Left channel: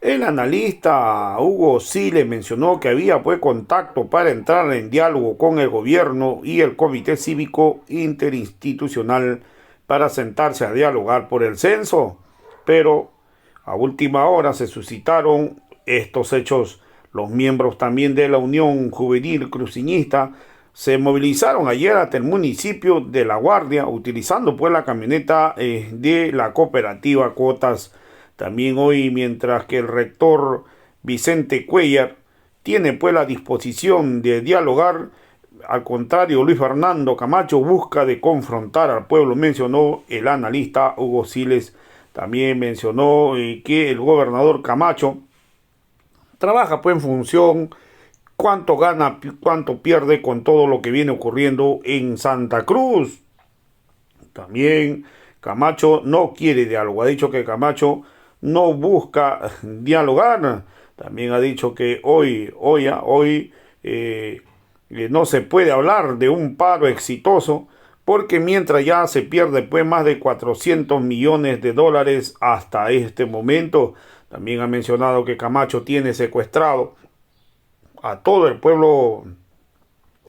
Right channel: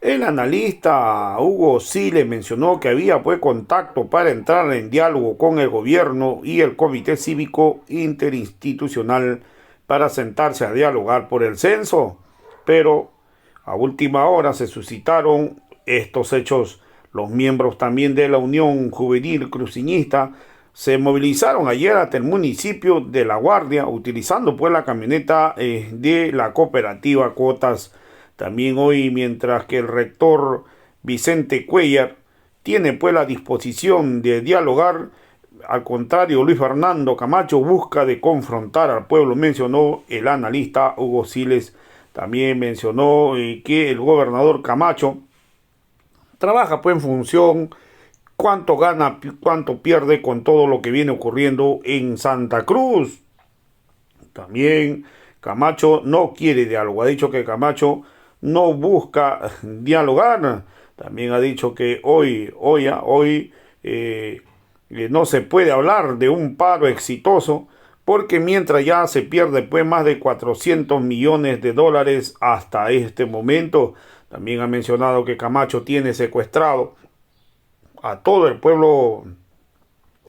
El analista Hugo Siles mencionó que había pues contacto para entrar en diálogo con el gobierno y el Comité Cívico Interinstitucional para sentarse a dialogar por el censo, pero a última hora se suscitaron estos hechos. Los miembros también de la Unión Juvenil Cruceñista se movilizaron ayer hasta el municipio de La Guardia utilizando pues la camioneta de la cooperativa Cuotas. También hoy, mientras que el rector Vicente Cuellar tiene pues la disposición de dialogar, al contrario, Luis Fernando Camacho busca de confrontar al pueblo, mencionó el analista Hugo Siles. También mencionó que el gobernador Camacho trabaja pues en función cuánto gana, cuánto pierde con todo lo que viene ocurriendo en Santa Cruz. También Camacho no quiere diálogo, ha dicho que Camacho no busca dialogar. También ha dicho que no se puede hablar de un paro exitoso porque mientras ya se pierde pues más de 400 millones de dólares hasta este momento. También ha mencionado que Camacho tiene secuestrado a todo el pueblo,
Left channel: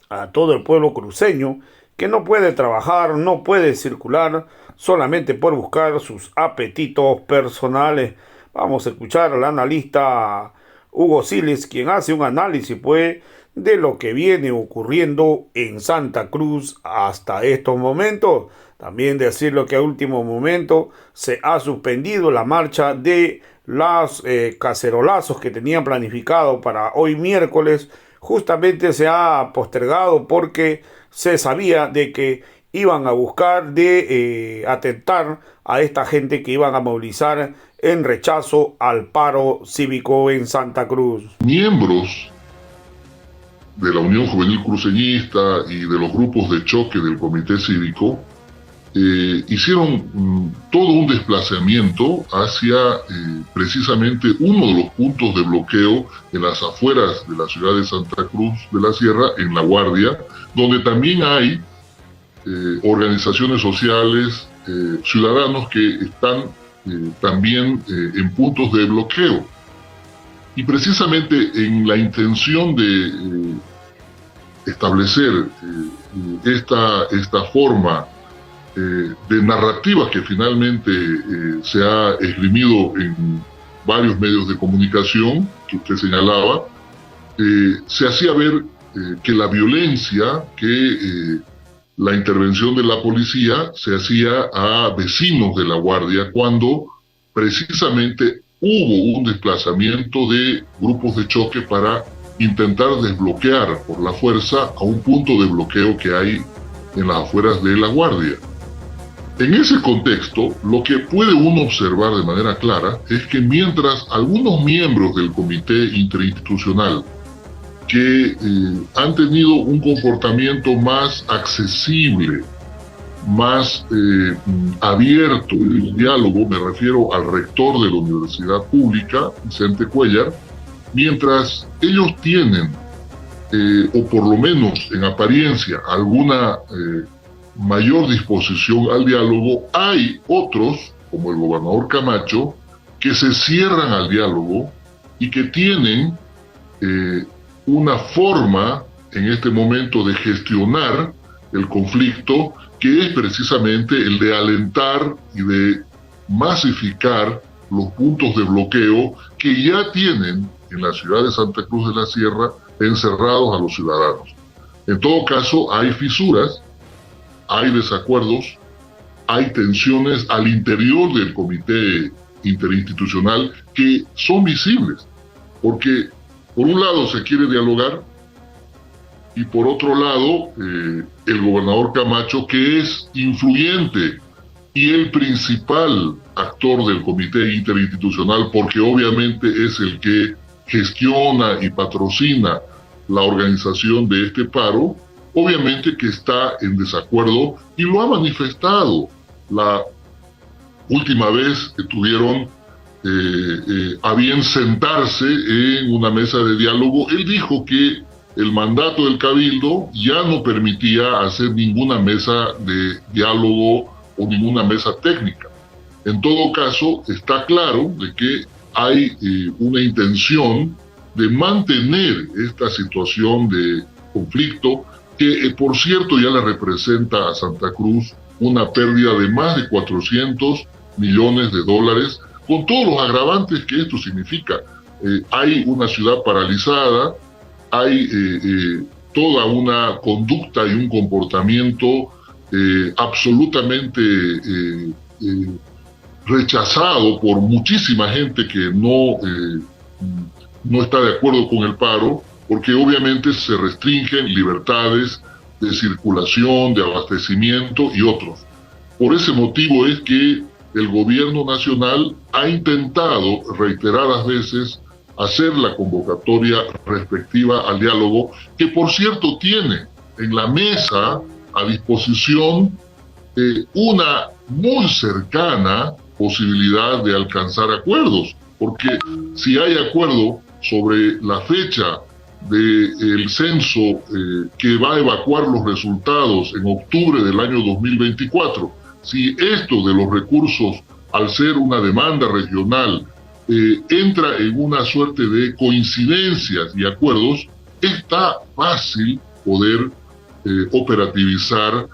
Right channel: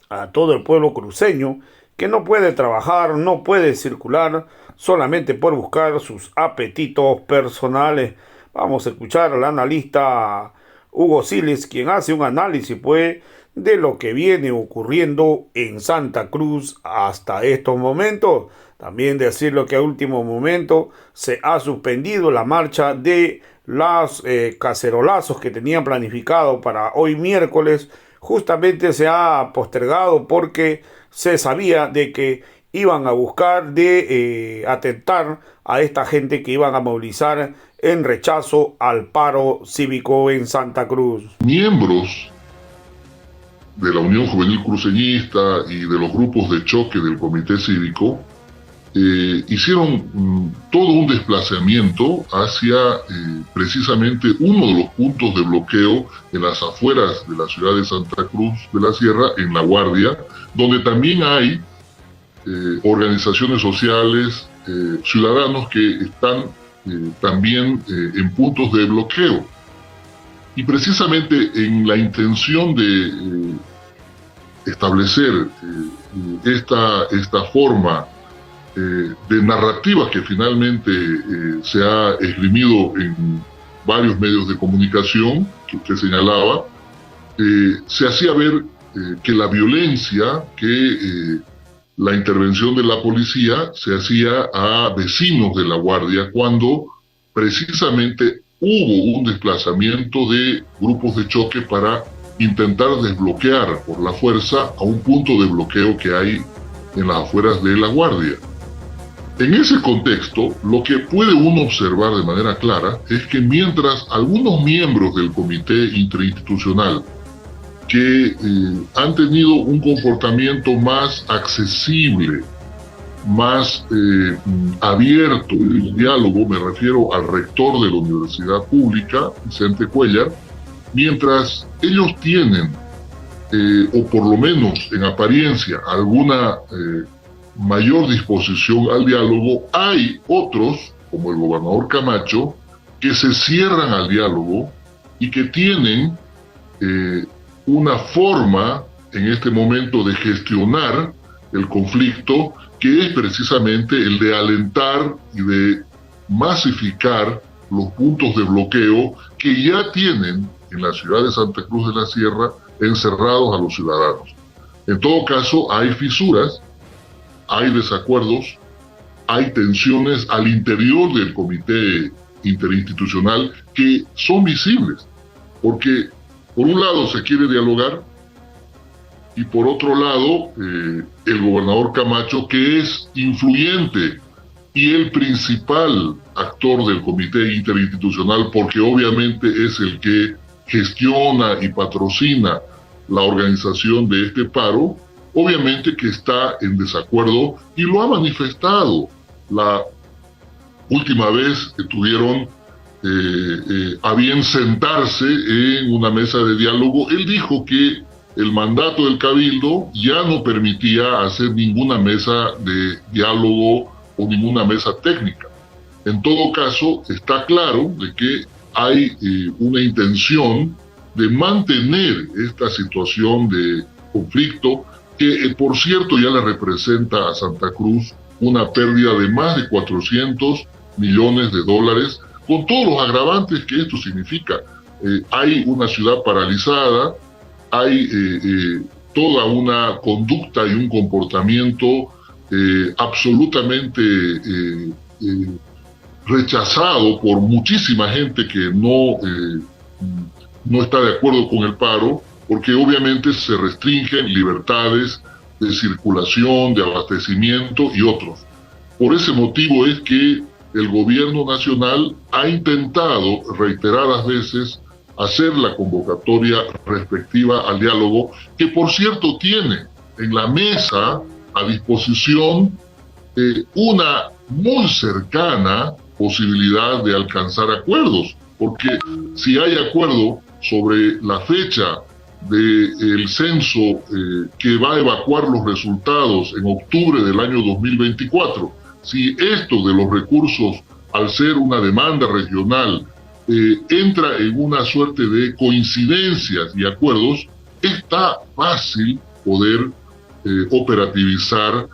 a todo el pueblo cruceño, que no puede trabajar, no puede circular, solamente por buscar sus apetitos personales. Vamos a escuchar al analista Hugo Siles, quien hace un análisis pues de lo que viene ocurriendo en Santa Cruz hasta estos momentos. También decirlo que a último momento se ha suspendido la marcha de los cacerolazos que tenían planificado para hoy miércoles. Justamente se ha postergado porque se sabía de que iban a buscar de atentar a esta gente que iban a movilizar en rechazo al paro cívico en Santa Cruz. Miembros de la Unión Juvenil Cruceñista y de los grupos de choque del Comité Cívico hicieron todo un desplazamiento hacia precisamente uno de los puntos de bloqueo en las afueras de la ciudad de Santa Cruz de la Sierra, en La Guardia, donde también hay organizaciones sociales, ciudadanos que están también en puntos de bloqueo. Y precisamente en la intención de establecer esta forma de narrativa que finalmente se ha esgrimido en varios medios de comunicación que usted señalaba, se hacía ver que la violencia, que la intervención de la policía se hacía a vecinos de La Guardia cuando precisamente hubo un desplazamiento de grupos de choque para intentar desbloquear por la fuerza a un punto de bloqueo que hay en las afueras de La Guardia. En ese contexto, lo que puede uno observar de manera clara es que mientras algunos miembros del Comité Interinstitucional que han tenido un comportamiento más accesible, más abierto en el diálogo, me refiero al rector de la Universidad Pública, Vicente Cuellar, mientras ellos tienen, o por lo menos en apariencia, alguna mayor disposición al diálogo, hay otros, como el gobernador Camacho, que se cierran al diálogo y que tienen una forma en este momento de gestionar el conflicto que es precisamente el de alentar y de masificar los puntos de bloqueo que ya tienen en la ciudad de Santa Cruz de la Sierra encerrados a los ciudadanos. En todo caso, hay fisuras, hay desacuerdos, hay tensiones al interior del comité interinstitucional que son visibles, porque por un lado se quiere dialogar y por otro lado el gobernador Camacho, que es influyente y el principal actor del comité interinstitucional, porque obviamente es el que gestiona y patrocina la organización de este paro, obviamente que está en desacuerdo y lo ha manifestado. La última vez que tuvieron a bien sentarse en una mesa de diálogo, él dijo que el mandato del Cabildo ya no permitía hacer ninguna mesa de diálogo o ninguna mesa técnica. En todo caso, está claro de que hay una intención de mantener esta situación de conflicto que, por cierto, ya le representa a Santa Cruz una pérdida de más de 400 millones de dólares, con todos los agravantes que esto significa. Hay una ciudad paralizada, hay toda una conducta y un comportamiento absolutamente rechazado por muchísima gente que no está de acuerdo con el paro, porque obviamente se restringen libertades de circulación, de abastecimiento y otros. Por ese motivo es que el gobierno nacional ha intentado reiteradas veces hacer la convocatoria respectiva al diálogo, que por cierto tiene en la mesa a disposición una muy cercana posibilidad de alcanzar acuerdos, porque si hay acuerdo sobre la fecha del censo que va a evacuar los resultados en octubre del año 2024, si esto de los recursos, al ser una demanda regional, entra en una suerte de coincidencias y acuerdos, está fácil poder operativizar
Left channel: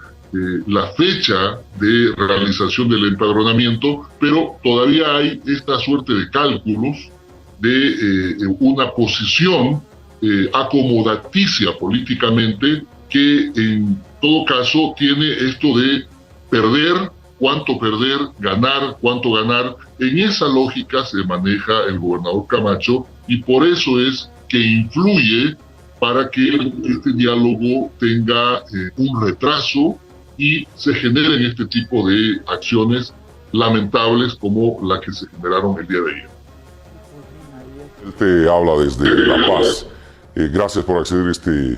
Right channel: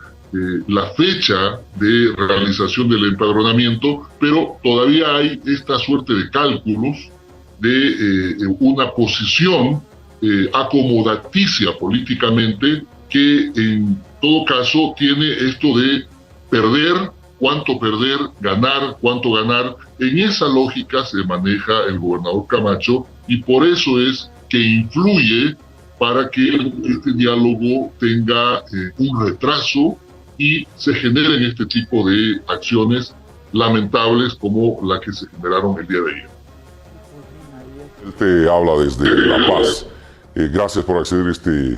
la fecha de realización del empadronamiento, pero todavía hay esta suerte de cálculos de una posición acomodaticia políticamente que en todo caso tiene esto de perder, cuánto perder, ganar, cuánto ganar. En esa lógica se maneja el gobernador Camacho y por eso es que influye para que este diálogo tenga un retraso y se generen este tipo de acciones lamentables como la que se generaron el día de ayer. Él te habla desde La Paz. Gracias por acceder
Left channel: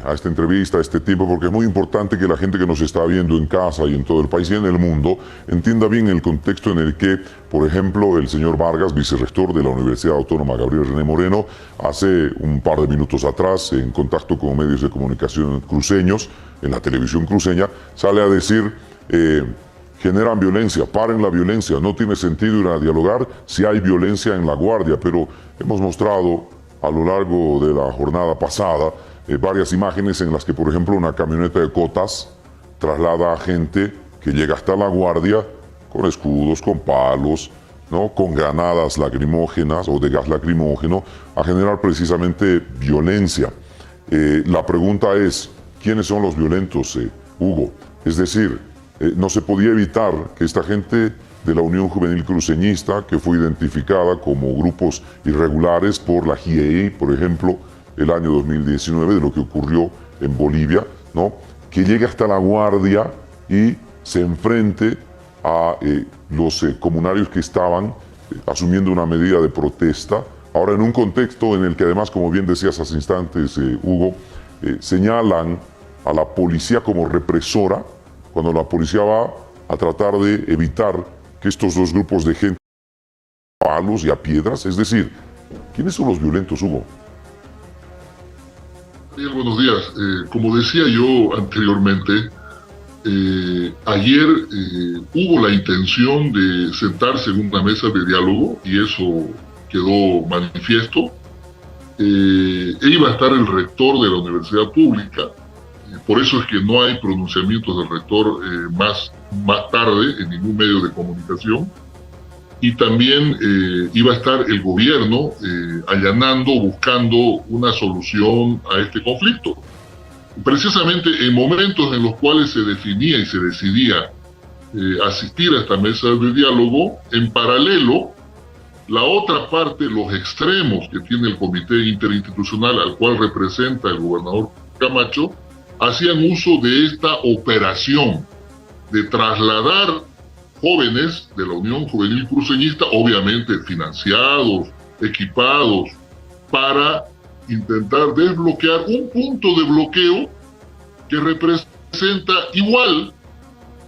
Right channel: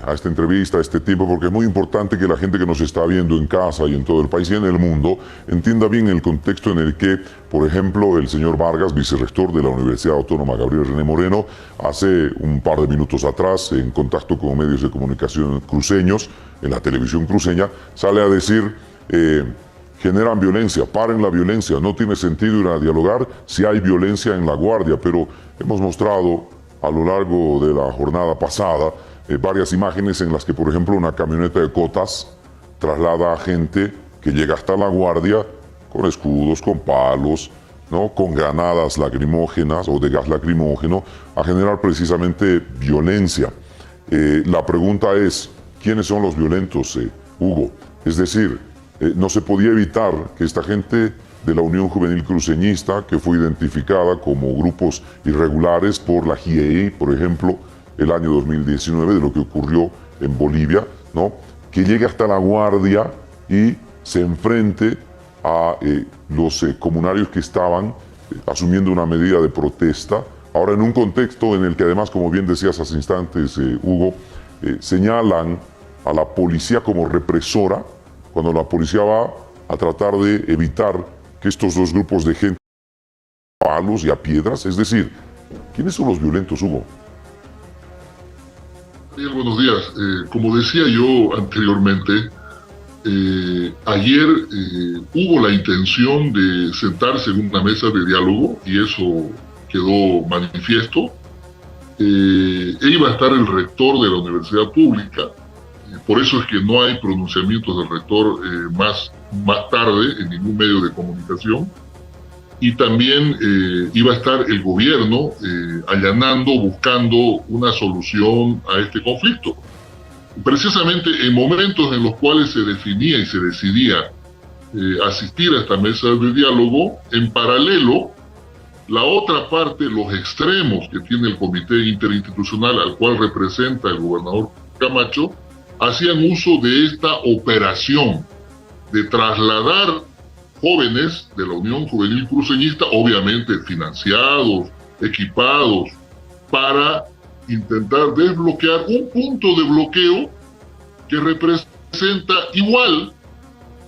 a esta entrevista, a este tiempo, porque es muy importante que la gente que nos está viendo en casa y en todo el país y en el mundo entienda bien el contexto en el que, por ejemplo, el señor Vargas, vicerrector de la Universidad Autónoma Gabriel René Moreno, hace un par de minutos atrás, en contacto con medios de comunicación cruceños, en la televisión cruceña, sale a decir, generan violencia, paren la violencia, no tiene sentido ir a dialogar si hay violencia en La Guardia, pero hemos mostrado a lo largo de la jornada pasada varias imágenes en las que, por ejemplo, una camioneta de cotas traslada a gente que llega hasta La Guardia con escudos, con palos, ¿no?, con granadas lacrimógenas o de gas lacrimógeno, a generar precisamente violencia. La pregunta es, ¿quiénes son los violentos, Hugo? Es decir, no se podía evitar que esta gente de la Unión Juvenil Cruceñista, que fue identificada como grupos irregulares por la JIEI, por ejemplo, el año 2019, de lo que ocurrió en Bolivia, ¿no?, que llegue hasta La Guardia y se enfrente a los comunarios que estaban asumiendo una medida de protesta, ahora en un contexto en el que además, como bien decías hace instantes, Hugo, señalan a la policía como represora, cuando la policía va a tratar de evitar que estos dos grupos de gente a palos y a piedras. Es decir, ¿quiénes son los violentos, Hugo? Bien, buenos días. Como decía yo anteriormente, ayer hubo la intención de sentarse en una mesa de diálogo y eso quedó manifiesto. Iba a estar el rector de la universidad pública, por eso es que no hay pronunciamientos del rector más tarde en ningún medio de comunicación, y también iba a estar el gobierno allanando, buscando una solución a este conflicto. Precisamente en momentos en los cuales se definía y se decidía asistir a esta mesa de diálogo, en paralelo, la otra parte, los extremos que tiene el comité interinstitucional al cual representa el gobernador Camacho, hacían uso de esta operación de trasladar jóvenes de la Unión Juvenil Cruceñista, obviamente financiados, equipados, para intentar desbloquear un punto de bloqueo que representa igual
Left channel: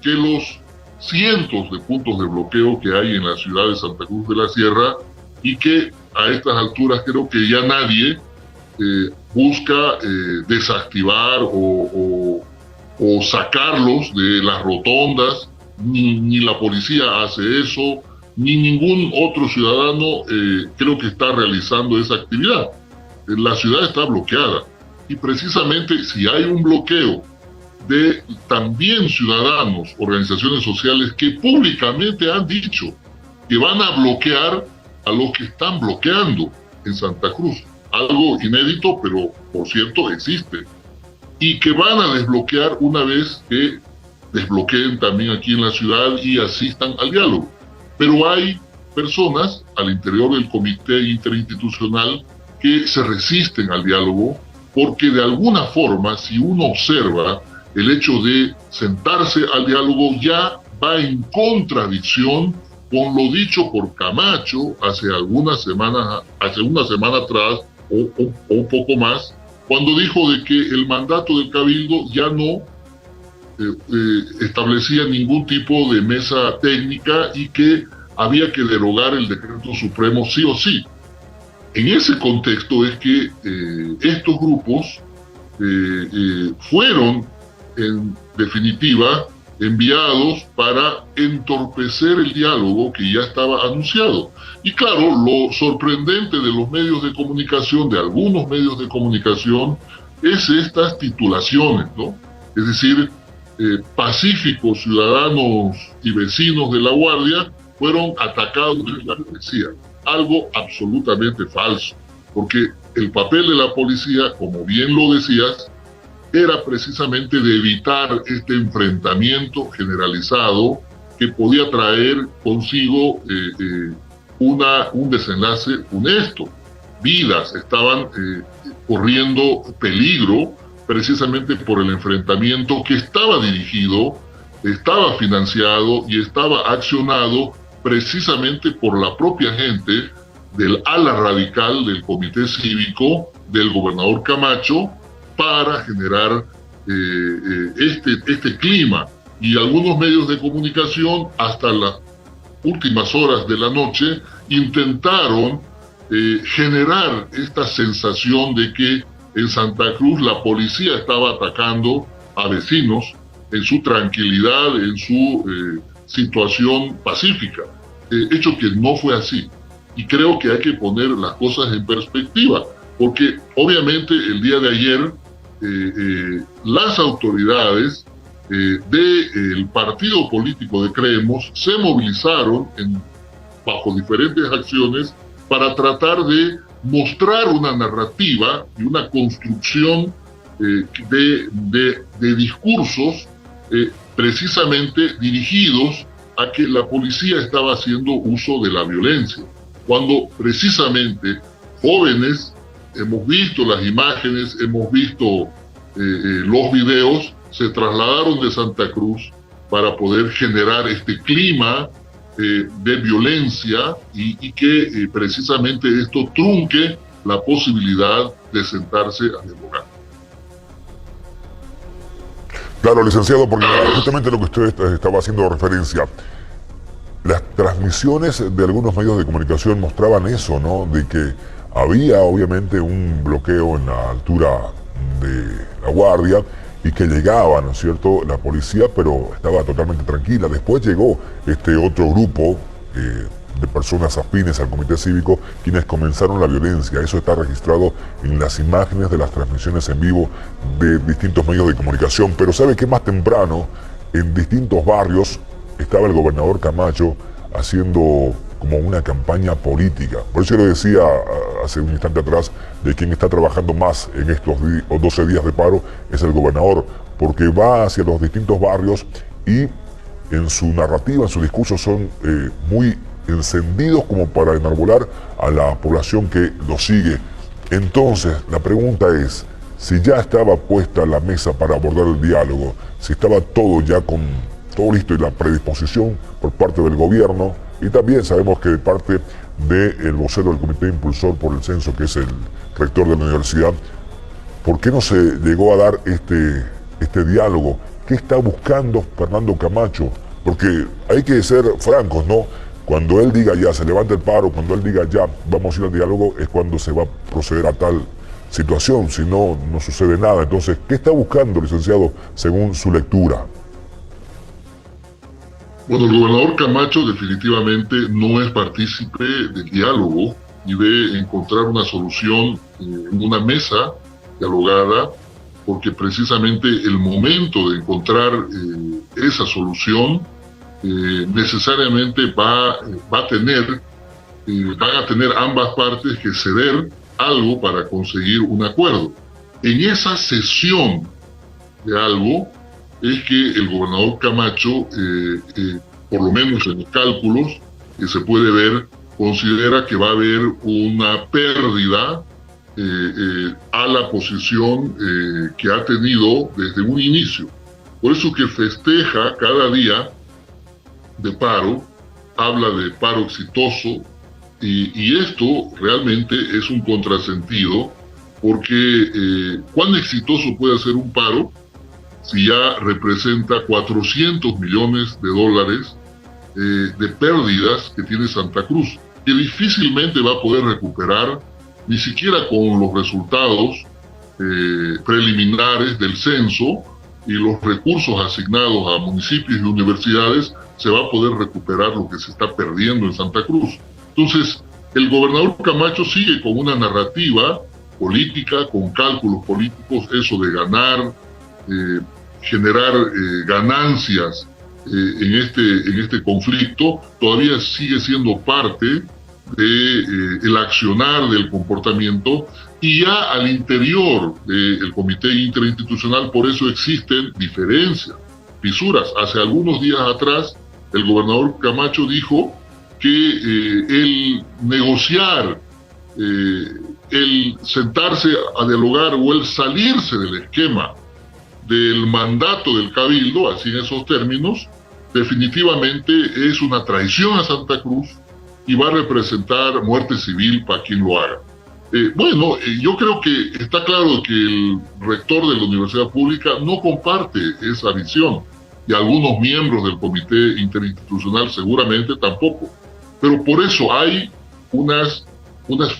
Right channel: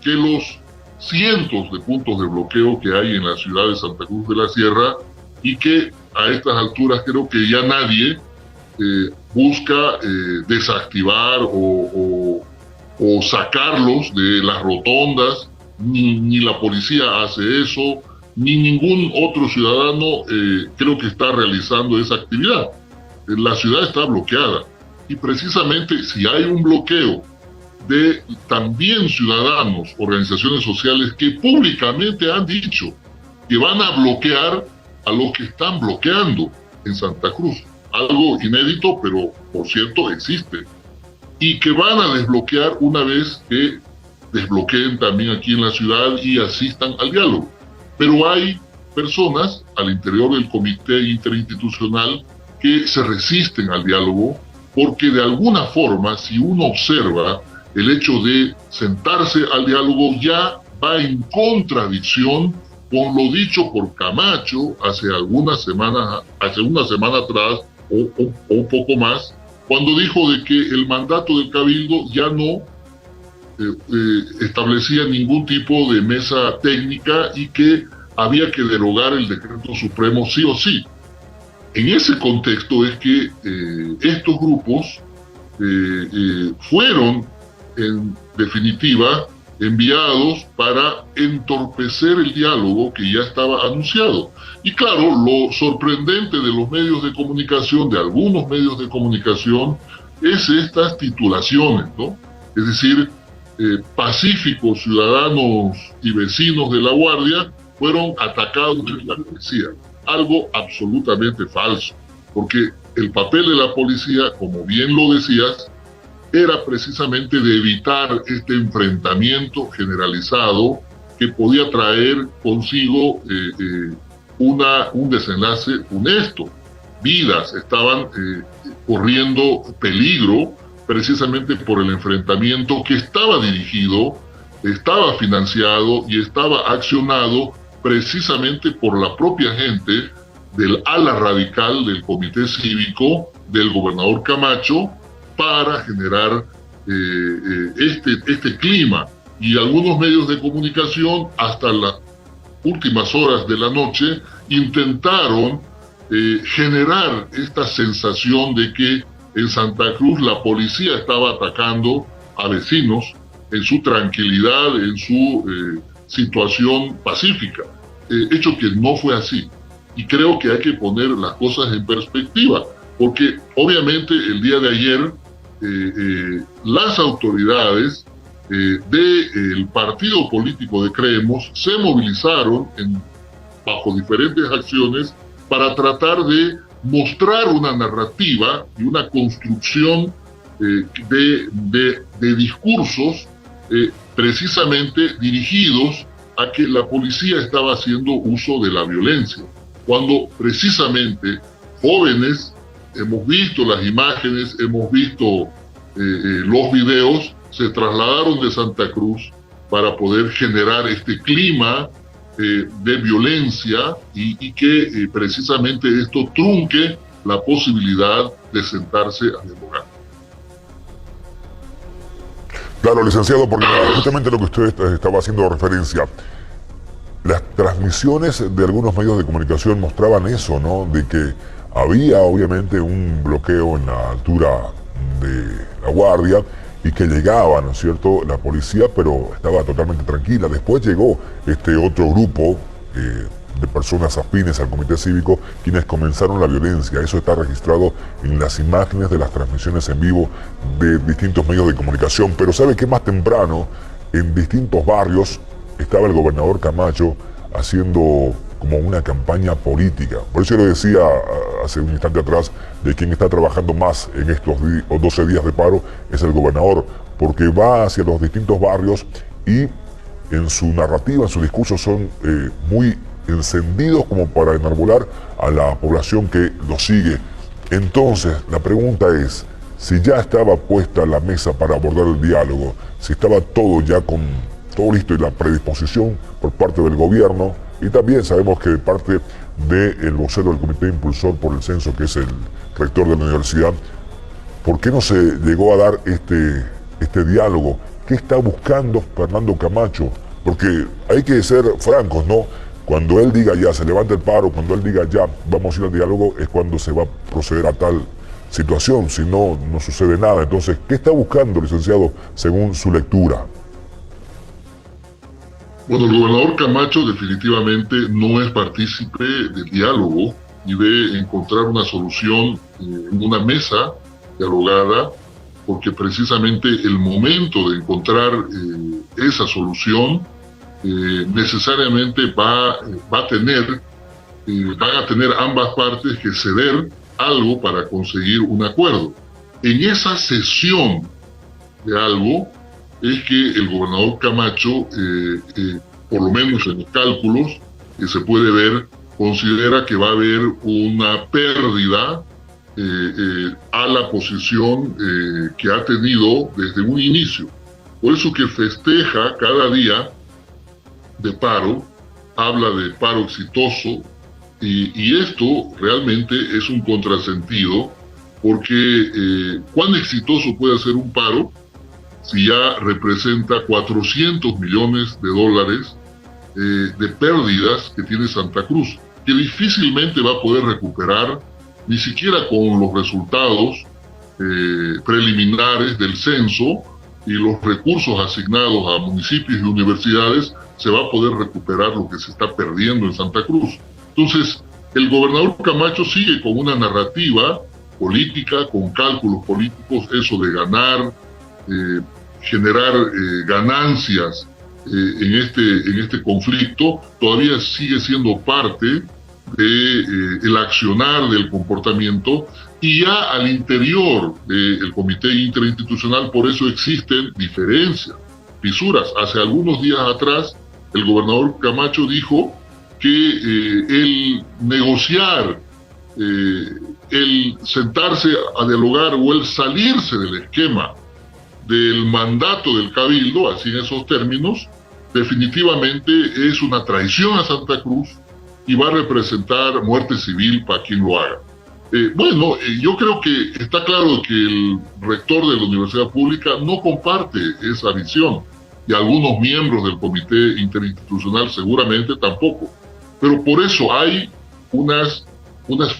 que los cientos de puntos de bloqueo que hay en la ciudad de Santa Cruz de la Sierra y que a estas alturas creo que ya nadie busca desactivar o sacarlos de las rotondas, ni la policía hace eso, ni ningún otro ciudadano creo que está realizando esa actividad. La ciudad está bloqueada y precisamente si hay un bloqueo de también ciudadanos, organizaciones sociales que públicamente han dicho que van a bloquear a los que están bloqueando en Santa Cruz. Algo inédito, pero por cierto existe. Y que van a desbloquear una vez que desbloqueen también aquí en la ciudad y asistan al diálogo. Pero hay personas al interior del comité interinstitucional que se resisten al diálogo porque de alguna forma, si uno observa, el hecho de sentarse al diálogo ya va en contradicción con lo dicho por Camacho hace una semana atrás o un poco más, cuando dijo de que el mandato del Cabildo ya no establecía ningún tipo de mesa técnica y que había que derogar el decreto supremo sí o sí. En ese contexto es que estos grupos fueron, en definitiva, enviados para entorpecer el diálogo que ya estaba anunciado. Y claro, lo sorprendente de los medios de comunicación, de algunos medios de comunicación, es estas titulaciones, ¿no? Es decir, pacíficos ciudadanos y vecinos de La Guardia fueron atacados por la policía. Algo absolutamente falso, porque el papel de la policía, como bien lo decías, era precisamente de evitar este enfrentamiento generalizado que podía traer consigo un desenlace honesto. Vidas estaban corriendo peligro precisamente por el enfrentamiento que estaba dirigido, estaba financiado y estaba accionado precisamente por la propia gente del ala radical del comité cívico del gobernador Camacho para generar este clima. Y algunos medios de comunicación hasta las últimas horas de la noche intentaron generar esta sensación de que en Santa Cruz la policía estaba atacando a vecinos en su tranquilidad, en su situación pacífica, hecho que no fue así. Y creo que hay que poner las cosas en perspectiva, porque obviamente el día de ayer las autoridades del partido político de Creemos se movilizaron bajo diferentes acciones para tratar de mostrar una narrativa y una construcción de discursos precisamente dirigidos a que la policía estaba haciendo uso de la violencia, cuando precisamente jóvenes, hemos visto las imágenes, hemos visto los videos, se trasladaron de Santa Cruz para poder generar este clima de violencia y que precisamente esto trunque la posibilidad de sentarse a dialogar. Claro, licenciado, porque justamente lo que usted estaba haciendo referencia, las transmisiones de algunos medios de comunicación mostraban eso, ¿no? De que había obviamente un bloqueo en la altura de La Guardia y que llegaba, ¿no es cierto?, la policía, pero estaba totalmente tranquila. Después llegó este otro grupo de personas afines al comité cívico, quienes comenzaron la violencia. Eso está registrado en las imágenes de las transmisiones en vivo de distintos medios de comunicación. Pero ¿sabe qué? Más temprano, en distintos barrios, estaba el gobernador Camacho haciendo como una campaña política. Por eso yo le decía hace un instante atrás de quien está trabajando más en estos 12 días de paro es el gobernador, porque va hacia los distintos barrios y en su narrativa, en su discurso son muy encendidos como para enarbolar a la población que lo sigue. Entonces, la pregunta es, si ya estaba puesta la mesa para abordar el diálogo, si estaba todo ya con todo listo y la predisposición por parte del gobierno, y también sabemos que de parte del vocero del comité impulsor por el censo, que es el rector de la universidad, ¿por qué no se llegó a dar este diálogo? ¿Qué está buscando Fernando Camacho? Porque hay que ser francos, ¿no? Cuando él diga ya, se levanta el paro, cuando él diga ya, vamos a ir al diálogo, es cuando se va a proceder a tal situación, si no, no sucede nada. Entonces, ¿qué está buscando, licenciado, según su lectura? Bueno, el gobernador Camacho definitivamente no es partícipe del diálogo ni de encontrar una solución en una mesa dialogada, porque precisamente el momento de encontrar esa solución necesariamente van a tener ambas partes que ceder algo para conseguir un acuerdo. En esa cesión de algo es que el gobernador Camacho, por lo menos en los cálculos que se puede ver, considera que va a haber una pérdida a la posición que ha tenido desde un inicio. Por eso que festeja cada día de paro, habla de paro exitoso, y esto realmente es un contrasentido, porque ¿cuán exitoso puede ser un paro si ya representa 400 millones de dólares de pérdidas que tiene Santa Cruz, que difícilmente va a poder recuperar, ni siquiera con los resultados preliminares del censo y los recursos asignados a municipios y universidades, se va a poder recuperar lo que se está perdiendo en Santa Cruz. Entonces, el gobernador Camacho sigue con una narrativa política, con cálculos políticos, eso de ganar, generar ganancias en este conflicto, todavía sigue siendo parte del accionar, del comportamiento, y ya al interior del Comité Interinstitucional, por eso existen diferencias, fisuras. Hace algunos días atrás, el gobernador Camacho dijo que el negociar, el sentarse a dialogar o el salirse del esquema del mandato del Cabildo, así en esos términos, definitivamente es una traición a Santa Cruz y va a representar muerte civil para quien lo haga. Yo creo que está claro que el rector de la Universidad Pública no comparte esa visión, y algunos miembros del Comité Interinstitucional seguramente tampoco. Pero por eso hay unas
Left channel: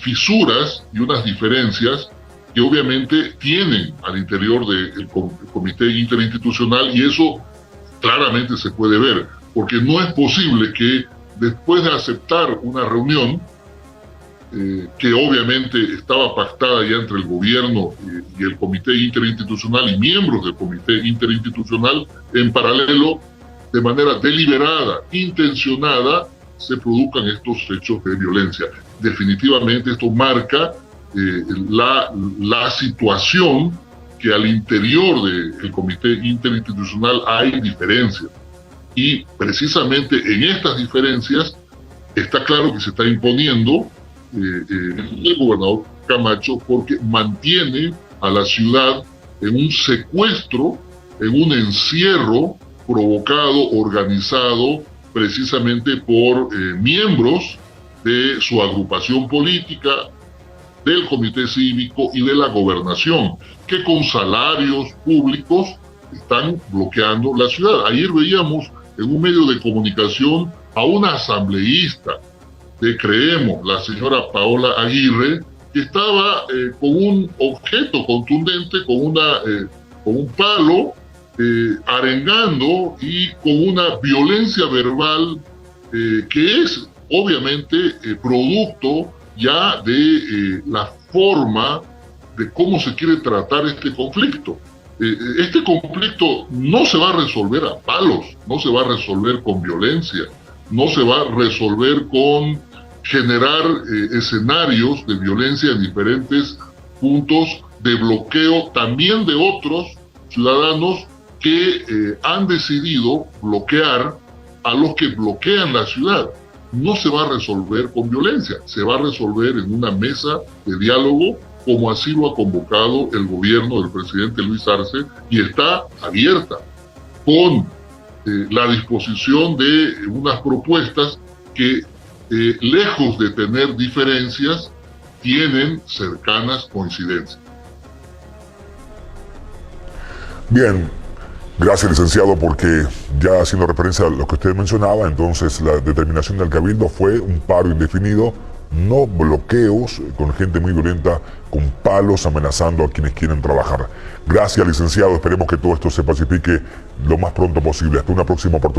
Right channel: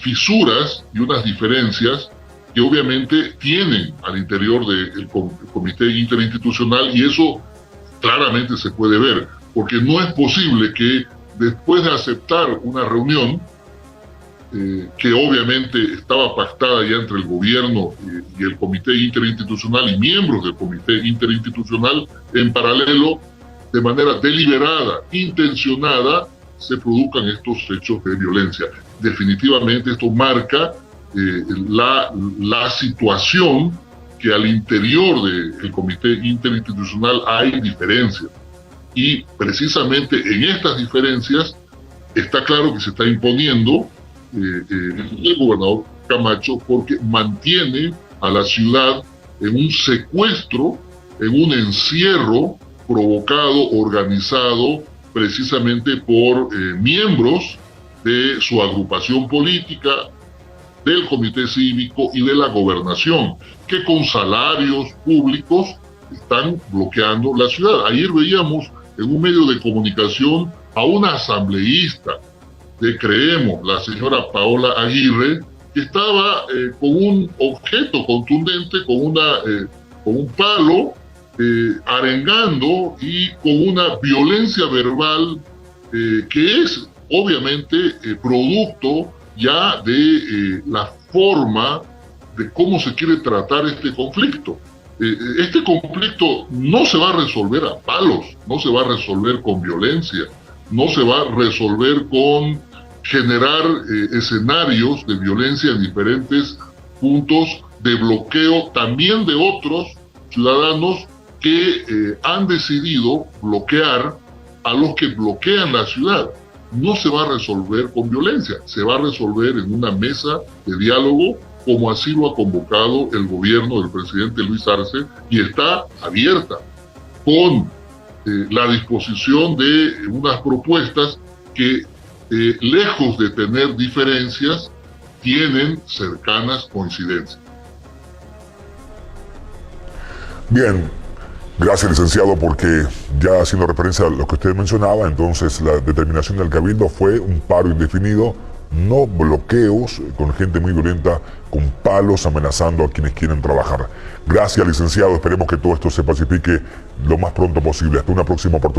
fisuras y unas diferencias que obviamente tienen al interior del Comité Interinstitucional, y eso claramente se puede ver, porque no es posible que después de aceptar una reunión que obviamente estaba pactada ya entre el gobierno y el Comité Interinstitucional y miembros del Comité Interinstitucional, en paralelo, de manera deliberada, intencionada, se produzcan estos hechos de violencia. Definitivamente esto marca la situación que al interior del Comité Interinstitucional hay diferencias. Y precisamente en estas diferencias está claro que se está imponiendo el gobernador Camacho, porque mantiene a la ciudad en un secuestro, en un encierro provocado, organizado precisamente por miembros de su agrupación política, del comité cívico y de la gobernación, que con salarios públicos están bloqueando la ciudad. Ayer veíamos en un medio de comunicación a una asambleísta de Creemos, la señora Paola Aguirre, que estaba con un objeto contundente, con un palo, arengando y con una violencia verbal que es obviamente producto ya de la forma de cómo se quiere tratar este conflicto. Este conflicto no se va a resolver a palos, no se va a resolver con violencia, no se va a resolver con generar escenarios de violencia en diferentes puntos de bloqueo también de otros ciudadanos que han decidido bloquear a los que bloquean la ciudad. No se va a resolver con violencia, se va a resolver en una mesa de diálogo, como así lo ha convocado el gobierno del presidente Luis Arce, y está abierta con la disposición de unas propuestas que, lejos de tener diferencias, tienen cercanas coincidencias. Bien, gracias licenciado, porque ya haciendo referencia a lo que usted mencionaba, entonces la determinación del Cabildo fue un paro indefinido, no bloqueos con gente muy violenta, con palos amenazando a quienes quieren trabajar. Gracias licenciado, esperemos que todo esto se pacifique lo más pronto posible. Hasta una próxima oportunidad.